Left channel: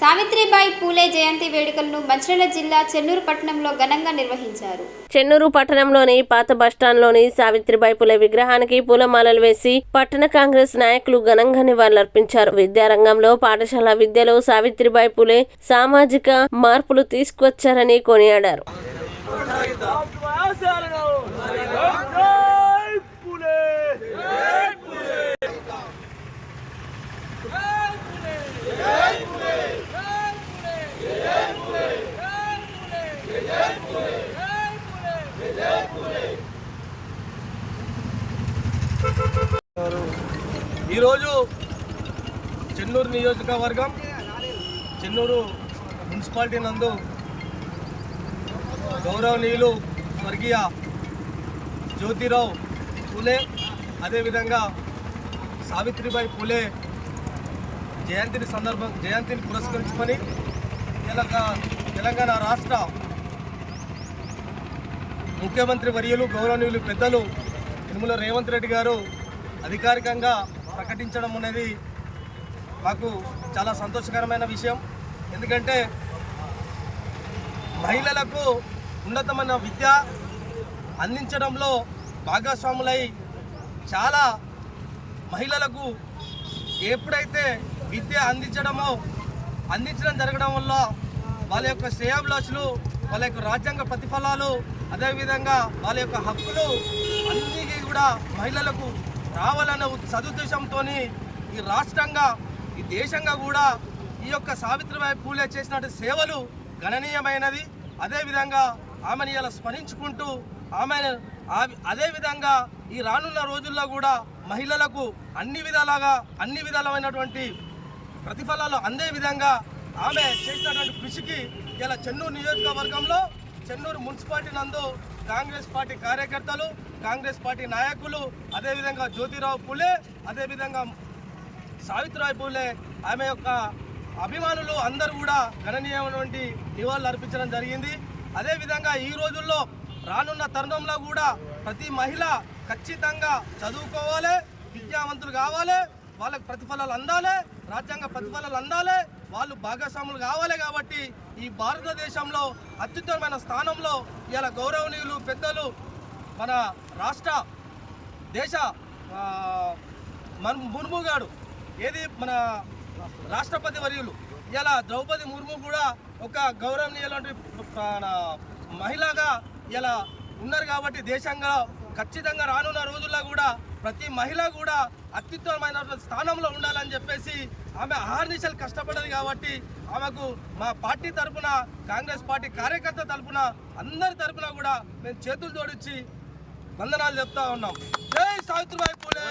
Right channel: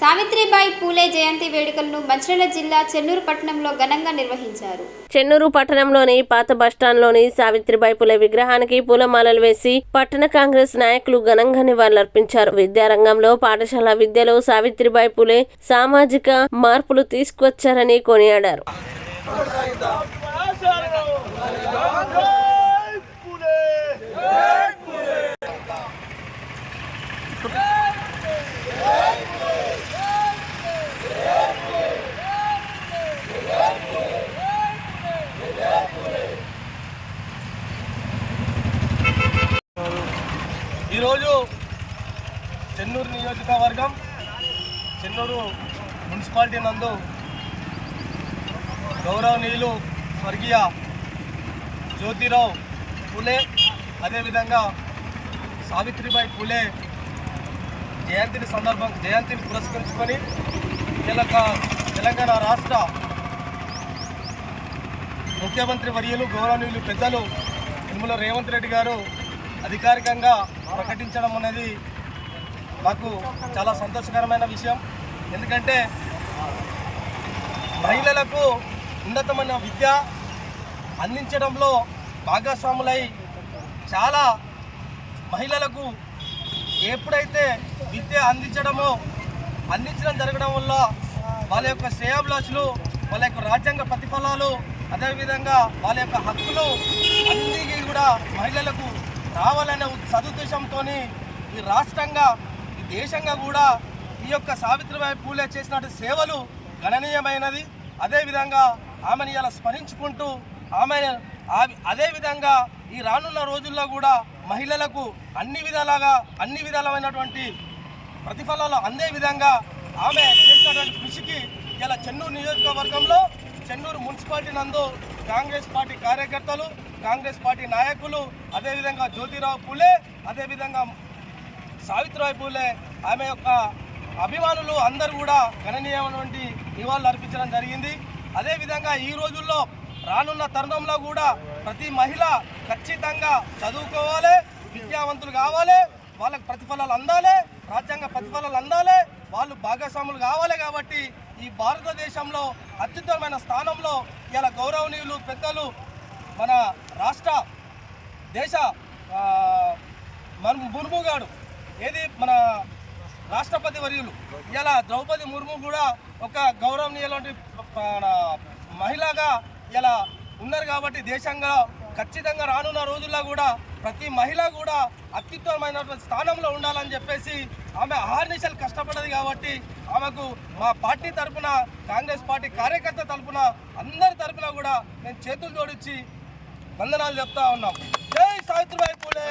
సావిత్రిబాయి పూలే జయంతి వేడుకలను మంచిర్యాల జిల్లా చెన్నూరు పట్టణంలో ఘనంగా నిర్వహించారు. చెన్నూరు పట్టణంలోని పాత బస్టాండ్లోని సావిత్రిబాయి పూలే విగ్రహానికి పూలమాలలు వేసి పట్టణ కాంగ్రెస్ నాయకులు ఘనంగా నివాళులర్పించారు. విద్యారంగంలో పాఠశాల విద్యలో సావిత్రిబాయి పూలే సామాజిక మార్పులు తీసుకువచ్చారని కొనియాడారు. ఈరోజు చెన్నూరు నియోజకవర్గం చెన్నూరు మున్సిపాలిటీ నందు గౌరవనీయులు స్వర్గీయ జ్యోతిరావు పూలే అదేవిధంగా సావిత్రిబాయి పూలే జయంతిని పురస్కరించుకొని తెలంగాణ రాష్ట్ర ముఖ్యమంత్రి వర్యులు గౌరవనీయులు పెద్దలు యనమల రేవంత్ రెడ్డి గారు అధికారికంగా ప్రకటించడం అనేది మాకు చాలా సంతోషకరమైన విషయం. ఎందుకంటే మహిళలకు ఉన్నతమైన విద్య అందించడంలో భాగస్వాములై చాలా మహిళలకు ఎప్పుడైతే విద్య అందించడం జరగడం వల్ల వాళ్ళ యొక్క శ్రేయాభిలాషులు, వాళ్ళ యొక్క రాజ్యాంగ ప్రతిఫలాలు, అదేవిధంగా వాళ్ళ యొక్క హక్కులు అన్నీ కూడా మహిళలకు రావాలనే సదుద్దేశంతో ఈ రాష్ట్రంగా ఈ దేశంగా కూడా ఈ యొక్క సావిత్రిబాయి పూలే చేసినటువంటి సేవలు గణనీయమైనది. అదేవిధంగా ఆమెను ఇలా స్మరించుకుంటూ అదేవిధంగా ఈ రానున్న రోజుల్లో కూడా మహిళలకు అన్ని విధాలమైనటువంటి ప్రతిఫలాలు అందే విధంగా ఆమె చేసినటువంటి కృషికి ఇలా చెన్నూరు నియోజకవర్గంలో చెన్నూరు మున్సిపాలిటీ నందు కాంగ్రెస్ పార్టీ కార్యకర్తలు, కాంగ్రెస్ పార్టీ నాయకులు, అదేవిధంగా జ్యోతిరావు పూలే, అదేవిధంగా సావిత్రిబాయి పూలే ఆమె యొక్క అభిమానులు అందరూ కూడా గణనీయమైనటువంటి నివాళులు అర్పించడం జరిగింది. అదేవిధంగా ఈ రోజుల్లో రానున్న తరుణంలో కూడా ప్రతి మహిళ ఖచ్చితంగా చదువుకోవాలి, విద్యావంతులు కావాలి, వాళ్ళకి ప్రతిఫలాలు అందాలి, రాజ్యాంగ ప్రతిఫలాలు అందాలి, వాళ్ళు భాగస్వాములు కావాలి. కాబట్టి ఈ భారతదేశంలో అత్యుత్తమమైన స్థానంలో ఇలా గౌరవనీయులు పెద్దలు మన దేశ ముర్ము గారు మన రాష్ట్రపతి వర్యులు ఇలా ద్రౌపది ముర్ము కూడా ఒక గౌరవనీయుల మహిళగా ఇలా ఉన్నారు. కాబట్టి దేశంగా ఖచ్చితంగా రానున్న రోజుల్లో కూడా ప్రతి మహిళ కూడా అత్యుత్తమమైనటువంటి స్థానంలో ఉండాలని చెప్పేసి ఆమె అహర్నిశలు కష్టపడ్డది. కాబట్టి ఆమెకు మా పార్టీ తరఫున, కాంగ్రెస్ పార్టీ కార్యకర్త తరఫున, అందరి తరఫున కూడా మేము చేతులు జోడించి వందనాలు చెప్తా ఉన్నాం. జై సావిత్రిబాయి పూలే.